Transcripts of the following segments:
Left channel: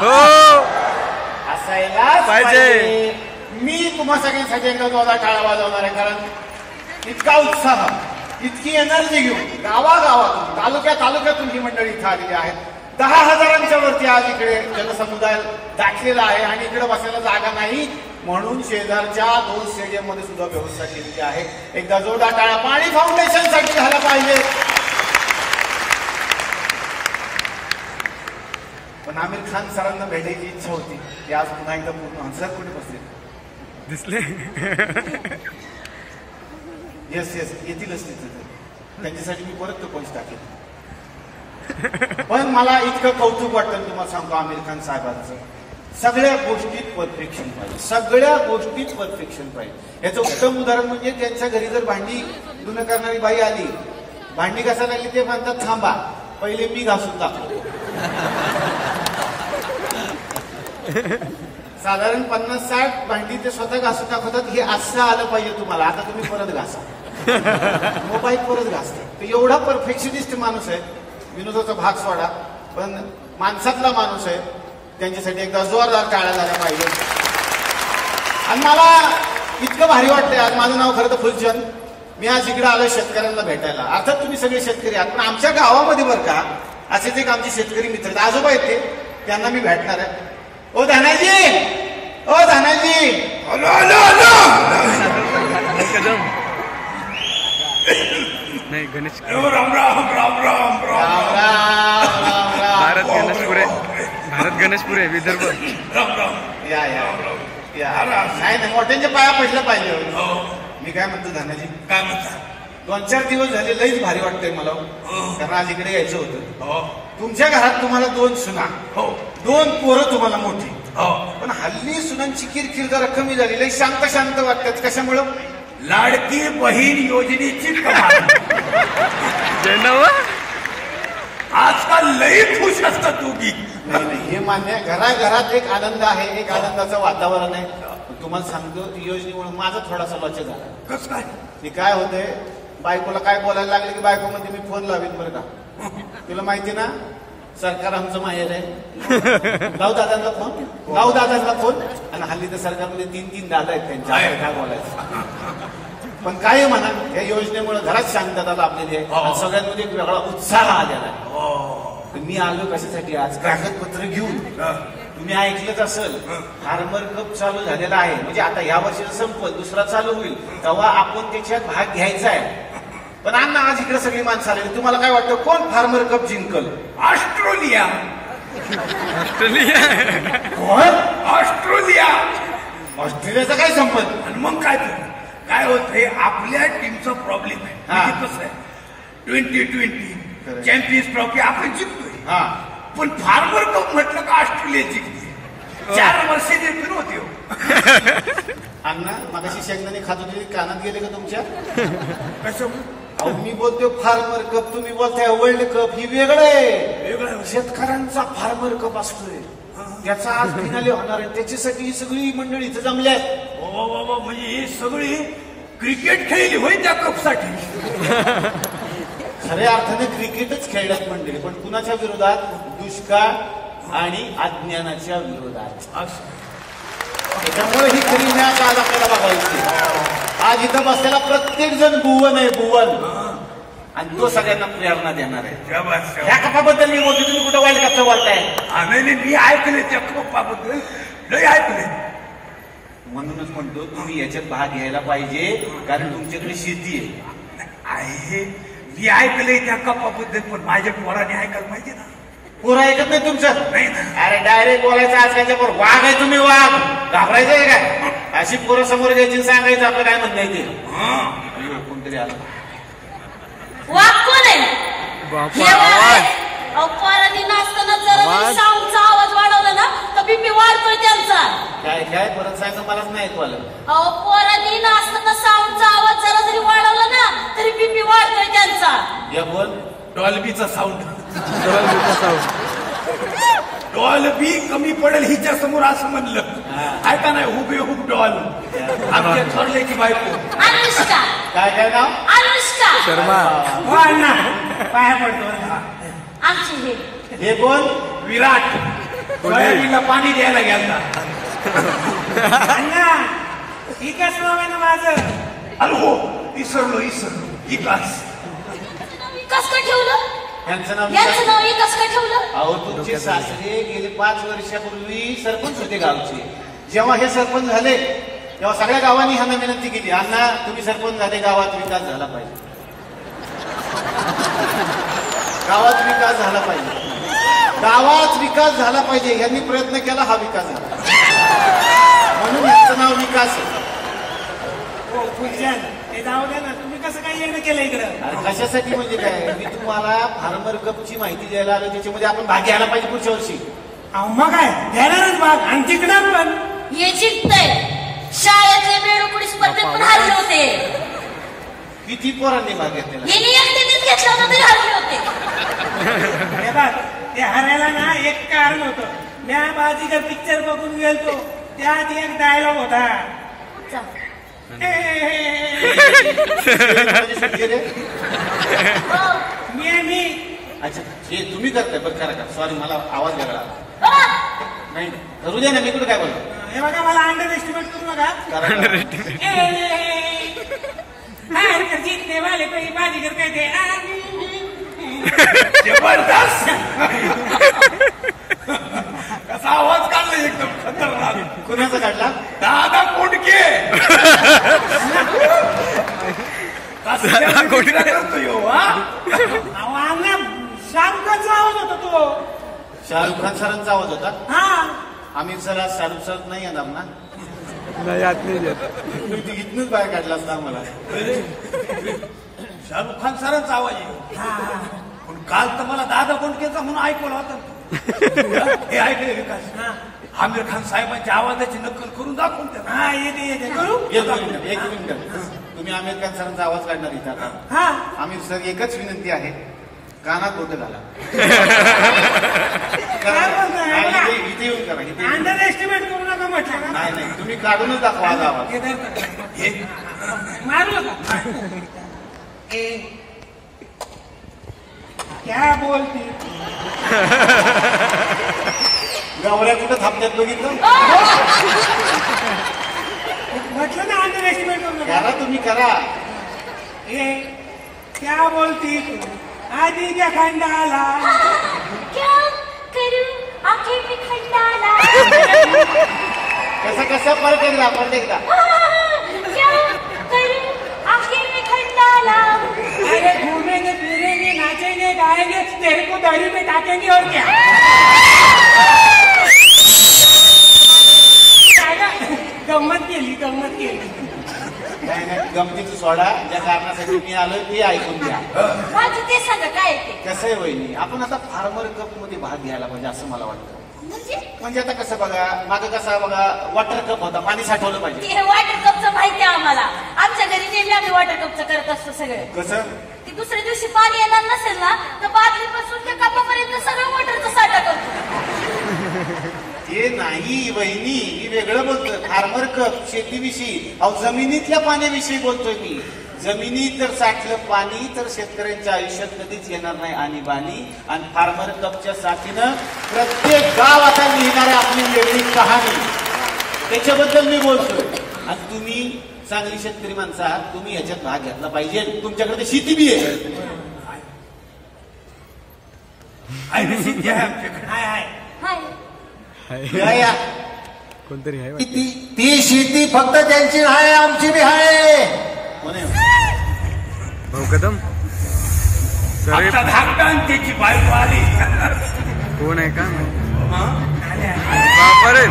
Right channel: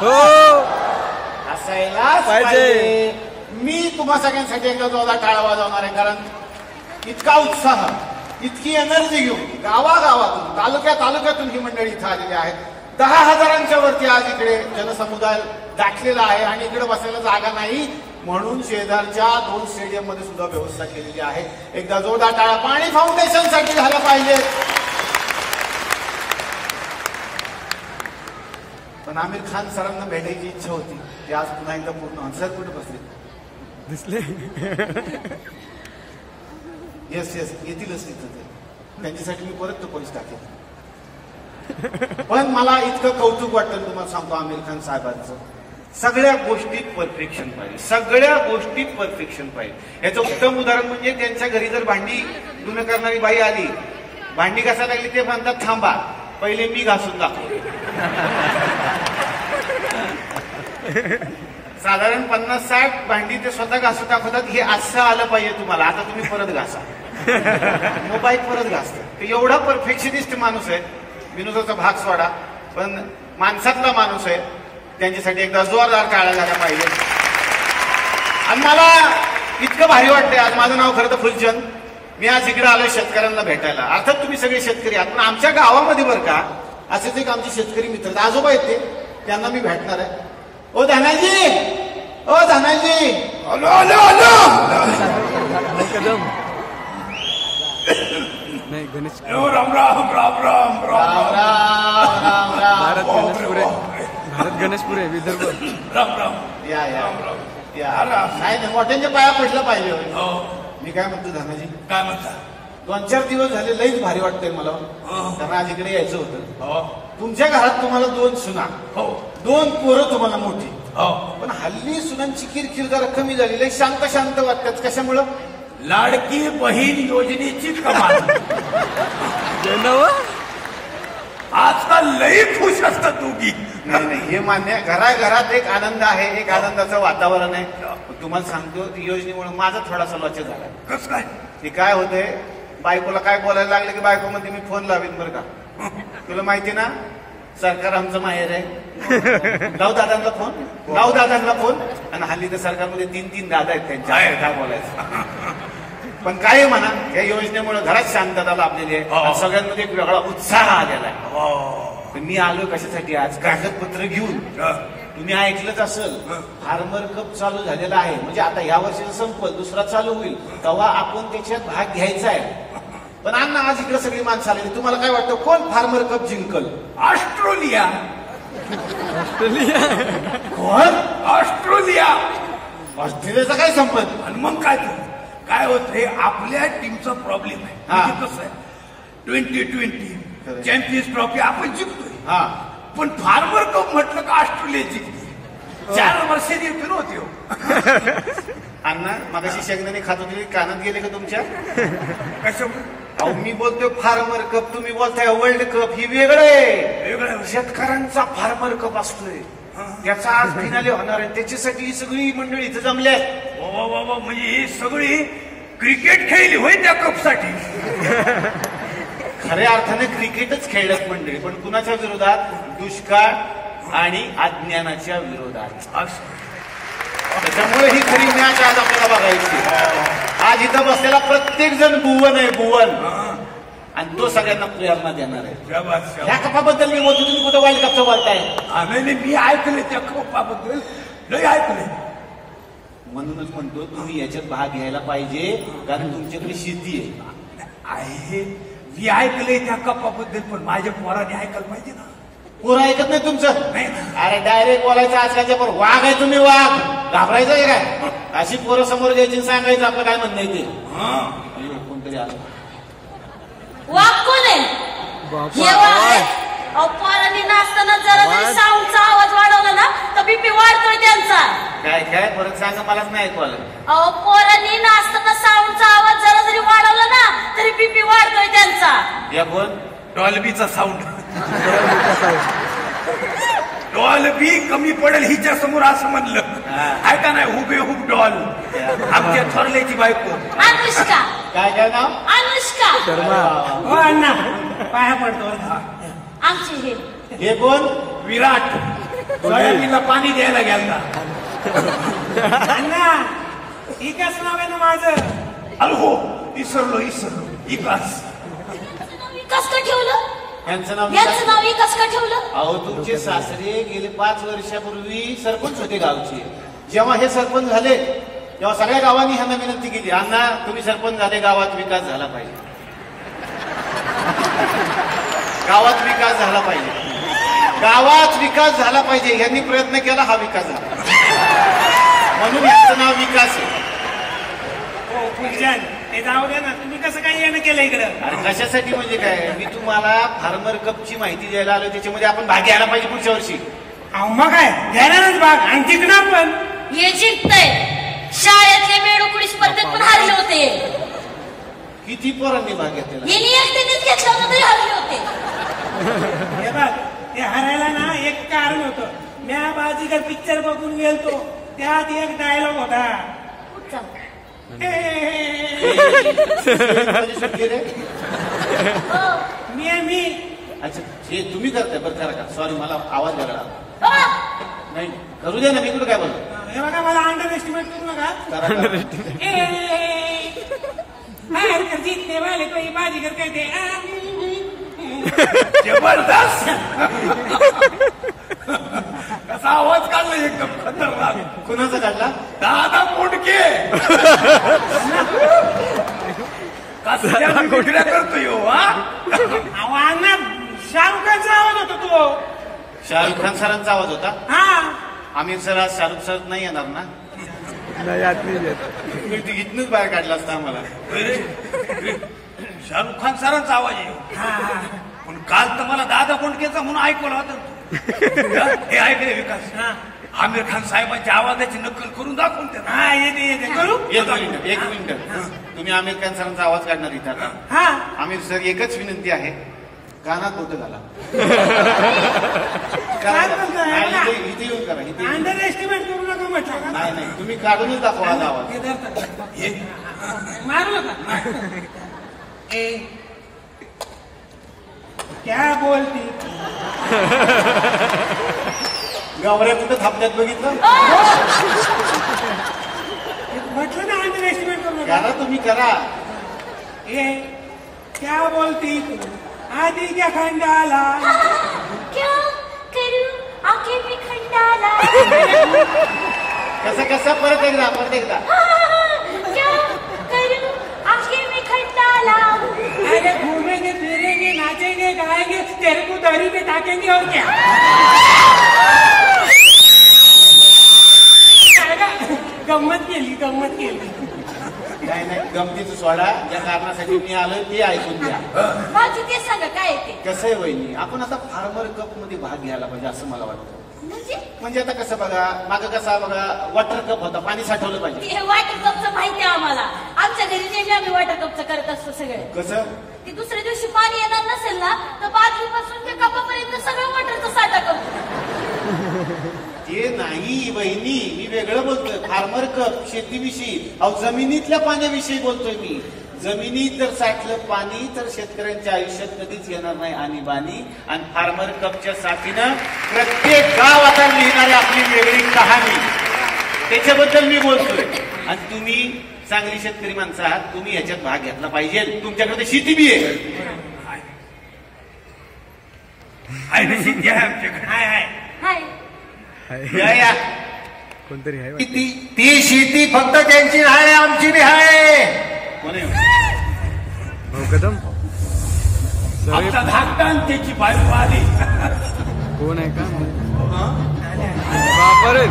हो असायलाच पाहिजे. मी तुम्हा सगळ्यांसाठी एकदा जोरदार टाळ्या वाजवणार आहे, कारण इतका उत्साह, इतकी एनर्जी घेऊन गावागावातून तालुक्यातून ही मंडळी इथं आलेली आहेत. 10,000च्या वरती आज इकडे जनसमुदाय दाखलेला आहे आणि इकडे बसायला जागा नाही म्हणून शेजारच्या 2 स्टेडियम मध्ये सुद्धा व्यवस्था केलेली आहे. एकदा जोरदार टाळ्या पाणी फाउंडेशन साठी झाल्या पाहिजे. पण आमिर खान सरांना भेटायची इच्छा होती, ते आज पुन्हा एकदा पूर्ण. सर कुठे बसले दिसले? येस येतीलच तिथे. त्यांच्यासाठी मी परत तो पंच टाकेल. पण मला इतकं कौतुक वाटतं तुम्हाला सांगतो आमिर खान साहेबांचं. सगळ्या गोष्टीत परफेक्शन पाहिजे, सगळ्या गोष्टीत परफेक्शन पाहिजे. याचं उत्तम उदाहरण म्हणजे त्यांच्या घरी जर भांडी धुणं करणारी बाई आली, भांडी कसा लागली ते म्हणतात थांबा पहिले मी घासून दाखवतो. साधारण 50-60 भांडी ते स्वतः घासून दाखवतात. हे असं आलं पाहिजे तुम्हाला, आता तुम्ही परत घासा, मोबाईल परत घासतात. ते एवढा परफेक्शनिस्ट माणूस आहे. विनोदाचा भाग सोडा, पण माणसातला माणूस आहे. त्यांच्यासाठी एकदा जोरदार टाळ्या झाल्या पाहिजे. आणि मला इतकं भारी वाटतंय. आज माझं नाव खरं तर फुलचंद. मी आज इकडे आलोय शेतकऱ्यांना भेटायला. अर्थात तुम्ही सगळे शेतकरी आहात, पण आमच्या गावामध्ये बरं का असेच एक आमचे शेतकरी मित्र आहेत, आजोबा आहेत ते, त्यांना मी भेटणार आहे. ओ धनाजी, ओ धनाजी. नाही गणेश राम राम राम राम राम राम. भारत गणेशपुरे, भारत गणेशपुरे विदर्भ. राम राम. या नाही मोठ्यांच्या पाया पडलं पाहिजे. मी काय म्हणतो धनाजी, काय म्हणता? 2-4 दिवस झाले लईच भारी वाटतंय मला, कारण आज इकडे यायचं होतं. तुमच्या घरात तुम्हाला 2 सुना, 2 पोरं तुम्हाला मोठी, पण हल्ली सुनांची किरकिर जरा कमी झाली, लई शांत शांत वाटतात. कशामुळं? लाडकी बहीण योजनेची कमाल. आजकाल लई खुश असतात दोघी. नाही हे मान्य आहे. घराघरात एक आनंद आहे, एक आनंदाचं वातावरण आहे. तुम्हाला सांगतो योजनेमुळे माझा थोडासा लॉस झाला. कसं काय? ते काय होतंय, बायकोला काय बोलायला लागले की बायको म्हणते मी फोन लावीन बरं का. तुला माहिती ना सरकार आमचं माहेर आहे. लाव दादांना फोन. आणि हल्ली तर सरकारमध्ये 3-3 दादा आहेत त्यांच्या, काय बोलायचं. पण काय म्हणा, या योजनेमुळे घरात शांतता लाभलेली आहे. सगळ्यांमध्ये एक वेगळा उत्साह आलेला आहे. मी आलो कशासाठी आज, कागदपत्र घेऊन. तुम्ही ऐकलंच असेल फार्मर कप चालू झालेला आहे, म्हणजे आता या वर्षाचं संपल, दुसरा चालू होईल तेव्हा आपण त्याच्यात भाग घ्यायचा आहे. पण अण्णा आज इकडे सगळी माणसं आलेली, तुम्हाला काय वाटतं कोण फार्मर कप जिंकल? ऑस्ट्रेलिया. कोण? ऑस्ट्रेलिया. ऑस्ट्रेलियाचा काय संपत? आणि मग काय होतंय, आपल्या टीमचा प्रॉब्लेम आहे. म्हणजे कसं आहे, 2020 चॅम्पियन्स ट्रॉफी आपण जिंकतोय, पण फार्मर कप म्हटलं का ऑस्ट्रेलिया जिंकते. 4 वर्षाचे फिरवते हो. अण्णा मगाशी शेंगदाणे खात होते, कानात गेले का तुमच्या? कशामुळे? अहो मी बोलतोय फार्मर कप, तुम्ही बोलताय वर्ल्ड कप. ही वेगळं आहे. शेतकऱ्यांचा फार्मर कप असतोय, त्याचा आज फिनाले होणार आहे. त्याच्यासाठी ही सगळी मंडळी इथं जमल्यात. म्हणजे ही सगळी क्रिकेट खेळली होय त्या कपसाठी. खऱ्या अर्थाने क्रिकेटच खेळल्यात मंडळी, पण कुणाच्या विरोधात? दुष्काळ आणि अज्ञानाच्या विरोधात. त्याच्यामुळे ही खरी मॅच आज आपल्याला बघायची. आज इथं बसलेला प्रत्येक जण भुवन आहे, भुवन, आणि तो सगळ्यांना प्रेरणा देणार आहे. या कपाबद्दल मी बोलतो, तुम्ही कुठं वर्ल्ड कपचं बोलताय? आम्ही मी ऐकले त्या कपाबद्दल, लय ऐकले. म्हणूनच म्हणतो तुम्ही याच्यात भाग घ्यायला पाहिजे, कारण तुमच्याकडे शेती आहे. मी ऐकलंय त्या कपाबद्दल, पण माझ्या पोराने ऐकायला पाहिजे ना. पोरं ऐकत नाही तुमचं? नाही ना. अरे डायरेक्ट बोलायचं आजकालच्या पोर. वाघ आहे तुम्ही, वाघ. घाबरायचं आहे काय? अशी पोरं समोर घ्यायची, सांगायचं आपलं काय म्हणणं आहे ते. कोणतरी आलं. वाघ कोण आहे? पोरांनी नाचताना जरा साऊंडचा आवाज वाढवला ना तर बीपी वाढतोय त्यांचा. काय परत सांगा, मलाच नाही ऐकू आलं. अहो पोरांनी नाचताना साऊंडचा आवाज जरा जरी वाढवला ना तरी बीपी वाढतोय त्यांचा. या बोल. डॉल्बीचा साऊंड. डॉल्बी कमी पडेल हिच्या समोर असं म्हणलं. ऐका नाही, हुबेहूब डॉल. आमच्या थोरल्याची बायको अनुष्का. काय नाव? अनुष्का शर्मा. पाया पडतो. आमची हे कोण? विराट. सोयाबीनला पाणी द्यायला गेला. अण्णा विकास नाव आहे ना माझं. अरे हो, विसरलो विकास. विकास का ठेवलं? यांचं नाव यांचं नाव विकास का ठेवलं? अहो तुमचे सासरे गेले 5 वर्षापूर्वी सरपंच होते गावचे. जेव्हा हे सरपंच झाले तेव्हा सगळ्या गावांनी ह्यांना विनंती केली, अण्णा तुम्ही सरपंच झाले, गावात विकास झाला पाहिजे, गावात विकास झाला पाहिजे, गावात विकास झाला पाहिजे. यांनी प्रयत्न केला, हा विकास झाला, म्हणून यांचं नाव विकास आहे. हो फुलचंद, ते जाऊ द्या ना, तुम्ही कसं काय येणं केलं इकडं? आणि कशासाठी म्हणजे काय, मी तुम्हाला फार्मर कपची माहिती द्यायला आलो, त्याच्यामध्ये आपण भाग घ्यायला पाहिजे पुढच्या वर्षी. अहो मग काय घ्यायलाच भाग, आणि जिंकणार पण. हे जिंकतंय. शाळेतले बेडुकुडी स्पर्धेत पण हारले होते. किती पोरांनी भाग घेतलेला? यांनी एकट्यानेच घेतला होता तरी हारले होते. हे बघ, ते हरायला ना एक कारण होतं. म्या बाजीगर पिक्चर बघून गेलतो, त्यात एक डायलॉग होता. मी अच्छा, हे तुम्ही करताय बरं, करा का. सॉरी, मला आवाज वेगळा नाही, करू दे ना, मी कुठं काय बोलतो. हे बघा, मला अंडर एस्टिमेट करू नका. जीतने वाले कोई बाजीगर कहते. जबरदस्त. कसा आवाज काढला एकदम खतरनाक. कुणाचा काढला? दादा कोंडके. करतो यो. अण्णा शाहरुख खानचा आवाज होता तो. शाहरुख खान सरांचा आवाज होता. हा, आमिर सर आज शाहरुख सर नाही येणार ना? नाही आत नाही येत. तुम्ही इथनच बाहेर काढला असता आम्हाला. शाहरुख खान सरांचा आवाज आहे. पण काल तर मला दादा कोंडकेचा म्हणून ऐकवला होता. हे ऐकले विकास, आमिर खान साहेबांच्या आवाजाची नक्कल करून दाखवून त्यांना. हा, येते करू. एक मिनिट, तुम्ही आमिर खान सरांचा आवाज काढणार इथं आता. हा, आमिर सर, एकच विनंती आहे, कानात बोट घाला. काय बोलताय? नाही, इथे येऊन करा, इथे येऊन. अंडर एस्टिमेट करू नका म्हटलं का? नाही नाही, तुम्ही काढूनच दाखवा आज आवाज. हे धरतं. हे, मारू नका. क्या बोलती? गावऱ्या कुठं थांबण्यात बघितलं? म्हटलं ना अंडर एस्टिमेट करू नका. करा, तुम्ही करा. ए, क्या बोलती तू आधी क्या खंडाला? क्या करू आंखें में खंडाला. कसं परत एकदा. क्या करू आंखें में खंडाला. अरे घूमेंगे फिरेंगे नाचेंगे गाएंगे, तेरे को दरी पे टाकेंगे और क्या. गंमत केली. नाही नाही, गमतीचं सोडा. ज्या कारणासाठी मी आलोय ते ऐकून घ्या. माझी ते सांगा काय ते. कसं आहे वहिनी, आपण आता फार्मर कप मध्ये भाग घ्यायला पाहिजे असं मला वाटतं. म्हणजे आता कसं बघा, मागं कसा बघा वॉटर कप होता, पाणी साठवलं पाहिजे. ते वॉटर कपचं माहिती आहे आम्हाला. आमच्या घरी नेहमी आम्ही वॉटर कपचं करत असतो सगळे. कसं? ते दुसऱ्या दिवशी पाणी येणार नसेल ना, तर बादलीपासून ते कपापर्यंत सगळं वॉटरचा साठा करतो. ते नाही वहिनी, मी वेगळं बोलतोय. फार्मर कप शेतीविषयी, अहो जमिनीतल्या पाण्याविषयी बोलतोय मी. जमिनीत जर साठलं पाणी तर शेतकऱ्यांच्या आयुष्यात कधीच येणार नाही आणीबाणी. आणि फार्मर कपच्या साथीनं प्रत्येक गाव आता लिहिणार आहे आपली वेगळी कहाणी. त्याच्याबद्दल मी बोलतोय. आणि तुम्ही चांगली शेतकरी माणसं आहात, तुम्ही ह्याच्यात भाग घेतला पाहिजे. तुमच्याकडे शेती बी आहे. शेती आहे आमच्याकडे. हाय या कोणतरी आहे वाटतं. ती शेती फक्त त्यांची आहे, आमची बी आहे. कोणी भाऊ कदम सर, आमचा धाकटा आणि त्याची बायको आली. कोण आहे का बापरे.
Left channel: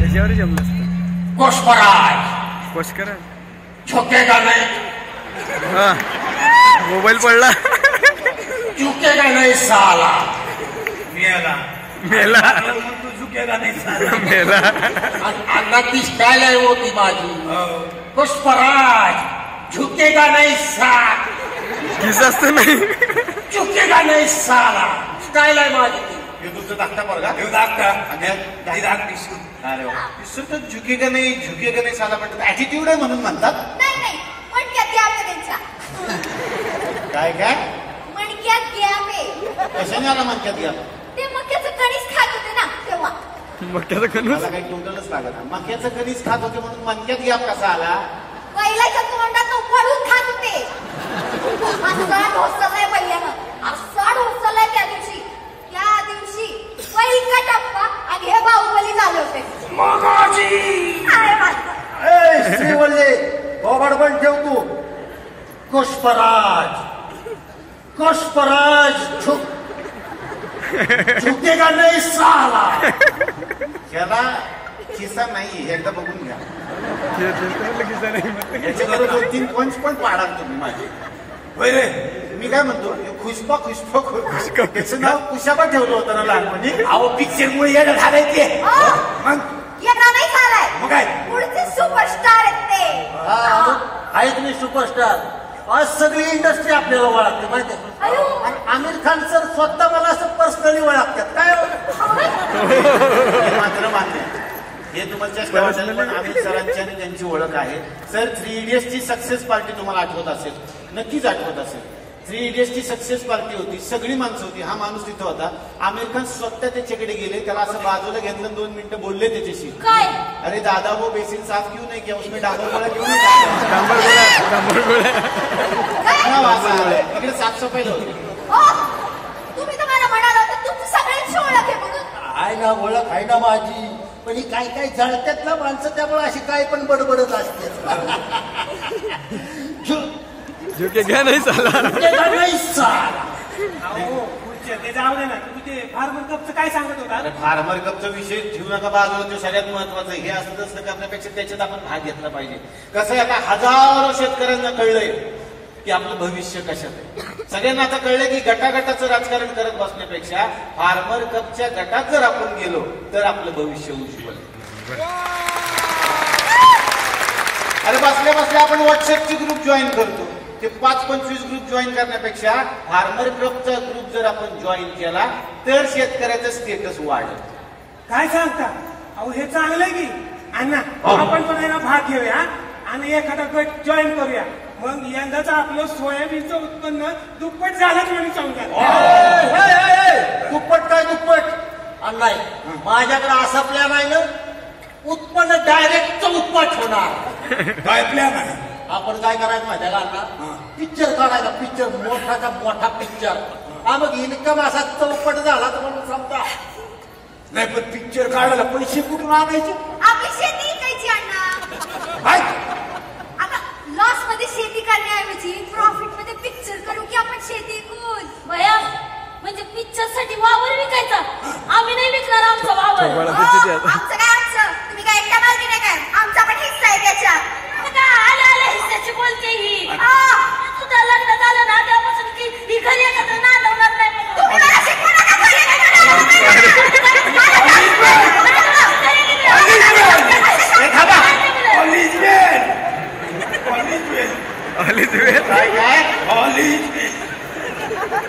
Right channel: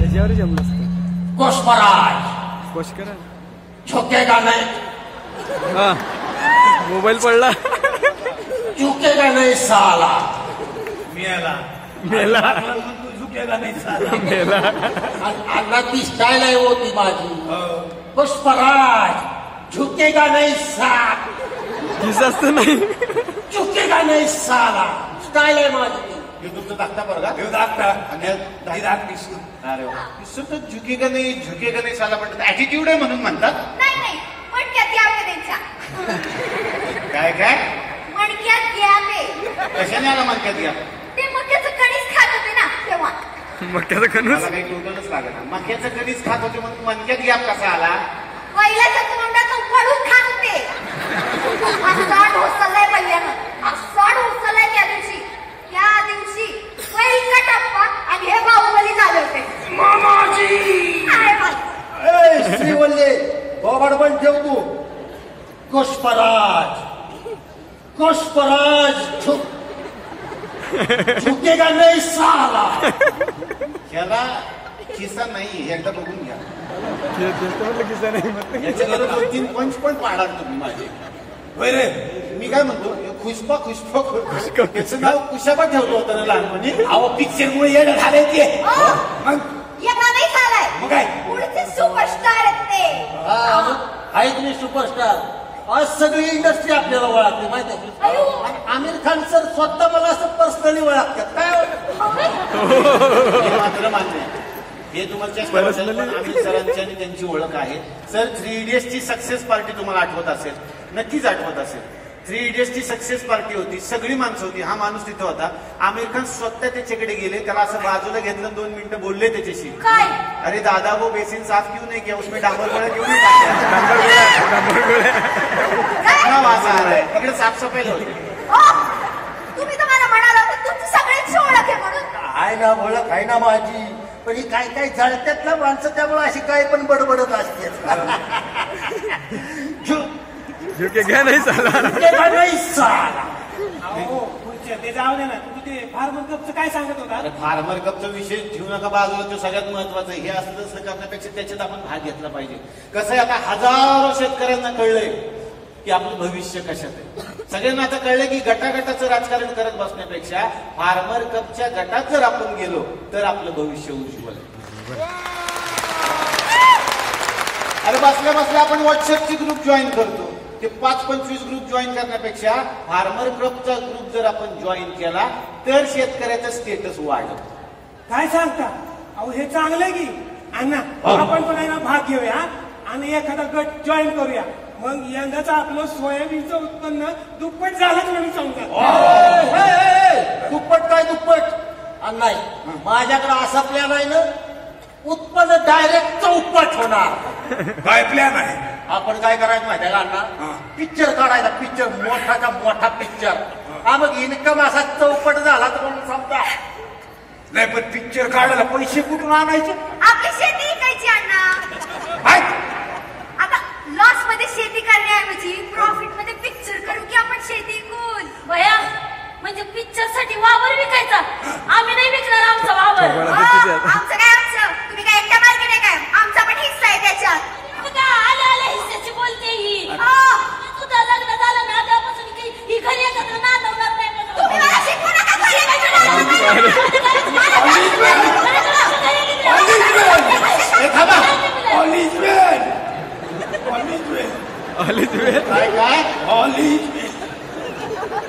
याच्यावर जमलं असतं. कोशपराय कोश करा. झुकेगा नाही. हा, मोबाईल पडला. झुकेगा नाही साला. मेला तू झुकेगा नाही साला. मेला. अण्णा ती स्टाईल आहे हो ती माझी. पुष्पराज झुकेगा नहीं साला, किस असतं नाही. झुकेगा नहीं साला स्टाईल आहे माझी. हे तुमचं धाकटा पोरगा हे धाकटा आणि हे धाक दिसून. अरे वा. दिसून तर झुकेगा नाही साला म्हणतात. ऍटिट्यूड आहे म्हणून म्हणतात. नाही मणक्यात गॅप आहे त्यांच्या. काय मणक्यात गॅप आहे. कशाने आला म्हणतात या ते मक्याचं कणीस खात होते ना तेव्हा. मक्याचं कणूस. मला काही टोटलच लागत ना. मक्याचं कधीच खात होते म्हणून मनक्यात गॅप कसा आला. बैलाच्या तोंडात उफाळून खात होते. असा ढोसलाय बैलानं, असा ढोसलाय त्या दिवशी पहिला टप्पा आणि हे बाहुबली झाले होते. अरे बाबा. श्रीवल्ले बोबाड पण ठेव तू. पुष्पराज झुकेगा नहीं साला. ह्याला खिसा नाही एकदा बघून घ्या. किस्सा नाही. याच्याकडे 2-3 पंच पण पाडाल तुम्ही माझे. होय रे. मी काय म्हणतो खुशपा त्याचं नाव कुशाबा ठेवलं होतं ना लहानपणी. अहो पिक्चर मुळे येणं झालंय ते. मग येणार नाही झालाय. मग काय पुढचे सुपरस्टार आहेत ते. आहे तुम्ही सुपरस्टार. आज सगळी इंडस्ट्री आपल्याला ओळखते माहिती आहे. आणि आमिर खान सर स्वतः मला असं पर्सनली ओळखतात. काय मात्र मान्य हे तुमच्या पण आमिर सरांची आणि त्यांची ओळख आहे. सर 3 इडियट्सची सक्सेस पार्टी तुम्हाला आठवत असेल, नक्कीच आठवत असेल. 3 इडियट्सची सक्सेस पार्टी होती, सगळी माणसं होती. हा माणूस तिथं होता. आमिर खान स्वतः त्याच्याकडे गेले, त्याला असं बाजूला घेतलं, 2 मिनिटं बोलले त्याच्याशी. काय अरे दादा वो बेसिन साफ क्यों नहीं किया, उसमें डांबर गोळ्या क्यों नहीं टाकल्या. डांबर गोळ्या. इकडे वासा आलाय, इकडे साफसफाई होती. तुम्ही तर मला म्हणाला होता तुमची सगळ्यांची ओळख आहे म्हणून. आहे ना ओळख आहे ना माझी. पण ही काय जळतात ना माणसं, त्यामुळे अशी काय पण बडबडत असते. झुके घ्या नाही साला. अहो पुढच्या ते जाऊ दे ना. तुम्ही ते फार्मर कपचं काय सांगत होता. अरे फार्मर कपचा विषय ठेवू नका बाजूला, तो सगळ्यात महत्वाचा आहे. हे असं तसं करण्यापेक्षा त्याच्यात आपण भाग घेतला पाहिजे. कसं आहे, आता हजारो शेतकऱ्यांना कळलंय की आपलं भविष्य कशात आहे. सगळ्यांना आता कळलंय की गटागटाचं राजकारण करत बसण्यापेक्षा फार्मर कपच्या गटात जर आपण गेलो तर आपलं भविष्य उज्ज्वल आहे. अरे बसल्या आपण व्हॉट्सअपची ग्रुप जॉईन करतो. ते 5-25 ग्रुप जॉईन करण्यापेक्षा फार्मर क्लबचा ग्रुप जर आपण जॉईन केला तर शेतकऱ्याचं स्टेटस वाढेल. काय सांगता. अहो हे चांगलंय की अण्णा. आपण पण आहे ना भाग घेऊया आणि एखादा गट जॉईन करूया. मग यंदाचं आपलं सोयाबीनचं उत्पन्न दुप्पट झालंच म्हणून सांगतात. दुप्पट नाही. माझ्याकडे असा प्लॅन आहे ना, उत्पन्न डायरेक्ट चौपट होणार. काय प्लॅन आहे. आपण काय करायचं माहिती आहे का अण्णा, पिक्चर काढायचा. पिक्चर मोठाचा मोठा पिक्चर. हा मग इन्कम असा चौपट झाला तर म्हणून समजा. नाही पण पिक्चर काढायला पैसे कुठून आणायचे. आपली शेती विकायची अण्णा. आता लॉस मध्ये शेती करण्याऐवजी प्रॉफिट मध्ये पिक्चर करू की आपण शेती विकून. भया म्हणजे पिक्चर साठी वावर विकायचा. आम्ही नाही विकणार आमचा वावर. आमचं काय आमचं. तुम्ही काय एकट्या मार्गी नाही काय. आमचा पण हिस्सा आहे त्याच्यात. आल्या हिस्साची बोलते ही. तुझं लग्न झालं ना त्यापासून ही घरी एकत्र नांदवणार नाही.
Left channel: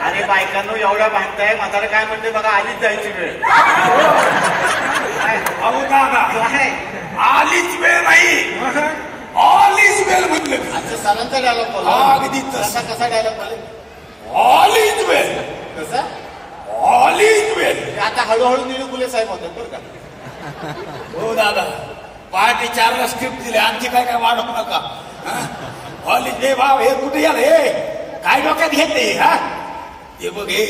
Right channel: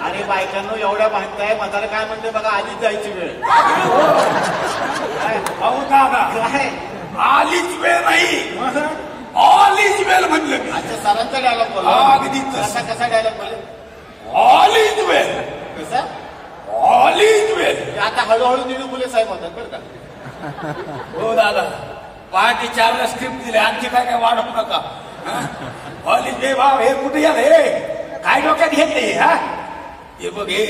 अरे बायकांनो एवढ्या भांडताय. म्हातारा काय म्हणते बघा, आलीच जायची वेळ. अहो दादा आलीच वेळ नाही, ऑल इज वेल म्हणलं की. अच्छा सरांचा डायलॉग बोला. अगदी कसा डायलॉग बोला. ऑल इज वेल. कसा ऑल इज वेल. आता हळूहळू निळू फुले साहेब होतात बरं का. हो दादा पहाटे 4ला स्क्रिप्ट दिले. आमचे काय वाढवू नका. ऑल इज वेल. भाव हे कुठे याल हे काय डोक्यात घेतले. हा हे बघ हे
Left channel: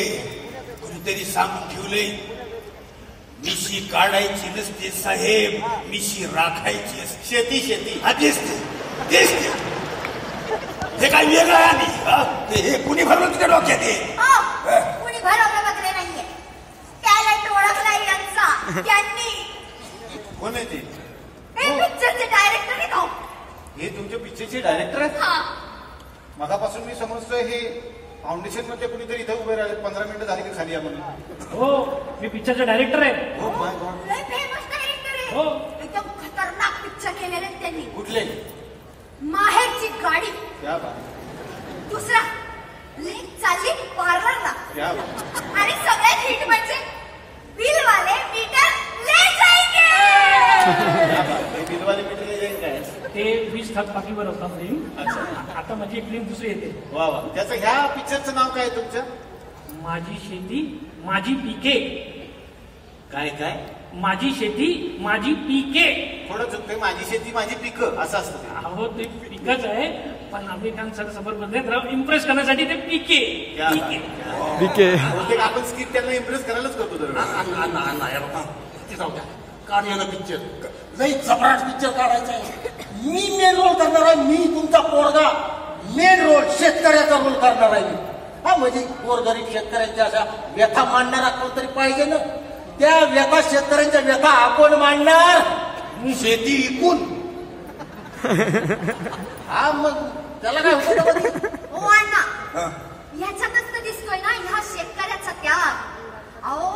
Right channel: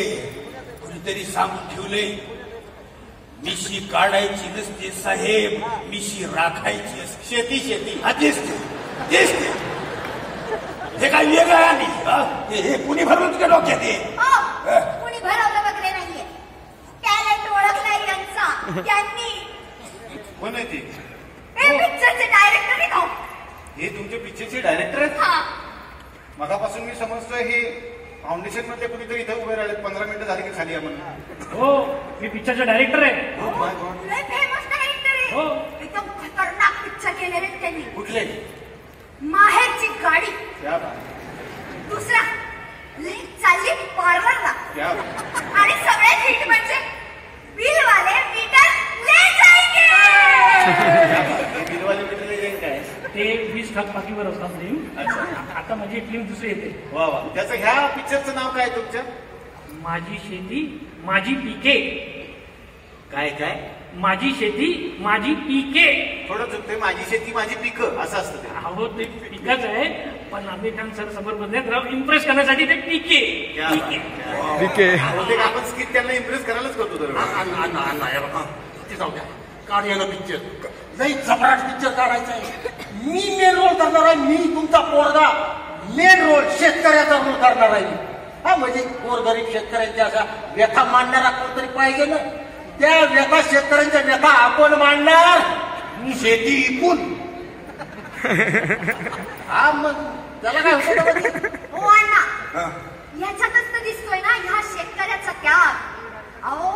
कुणीतरी सांगून ठेवले, मिशी काढायची नसते साहेब, मिशी राखायची असते. शेती हा दिसते. हे काय वेगळं आहे. हे कुणी भरवत का डोक्यात. कुणी भरवलं वगैरे नाहीये. टॅलेंट ओळखलाय यांचा त्यांनी. कोण आहे ती. हे पिक्चरचे डायरेक्टर आहे. हे तुमच्या पिक्चरचे डायरेक्टर आहेत. हा मगापासून मी समजतोय हे फाउंडेशन मध्ये कुणीतरी इथे उभे राहिले. 15 मिनिटं झाली की खाली आपण. हो मी पिक्चरचा डायरेक्टर आहे. लय फेमस डायरेक्टर आहे. हो एकदम खतरनाक पिक्चर केलेले त्यांनी. कुठले. माहेरची गाडी. क्या बात. दुसरा लेक चालली पार्लरला. क्या बात. आणि सगळ्यात हिट म्हणजे बिलवाले मीटर ले जाएंगे. बिलवाले मीटर ले जाएंगे काय. ते 20 थकबाकीवर होता फिल्म. आता माझी एक फिल्म दुसरी येते. वा वा. त्याचं ह्या पिक्चरचं नाव काय तुमच्या. माझी शेती माझी पिके. काय काय. माझी शेती माझी पिके. थोडं चुकतंय. माझी शेती माझी पिकं असं असतं ते. अहो ते पिकच आहे पण आम्ही खान सर समोर बदलत इम्प्रेस करण्यासाठी ते पिके. क्या बात. बीके. बहुतेक आपण स्किट त्यांना इम्प्रेस करायलाच करतो दरवेळेस. जाऊ द्या काढूया पिक्चर. लई जबराट पिक्चर काढायचा आहे. मी मेन रोल करणार आहे. मी तुमचा पोरगा मेन रोल शेतकऱ्याचा रोल करणार आहे. हा म्हणजे गोरगरीब शेतकऱ्यांच्या अशा व्यथा मांडणारा कोणतरी पाहिजे ना. त्या व्यथा शेतकऱ्यांच्या व्यथा आपण मांडणार. मी शेती विकून. हा मग त्याला काय होतं. हो अण्णा याच्यातच तर दिसतोय ना ह्या शेतकऱ्याचा त्याग. अहो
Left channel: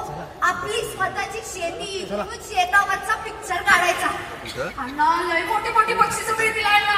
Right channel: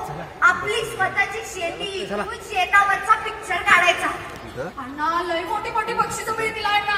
आपली स्वतःची शेती शेतावरचा पिक्चर काढायचा. अण्णा लय मोठे मोठे बक्षीस मिळतील अण्णा.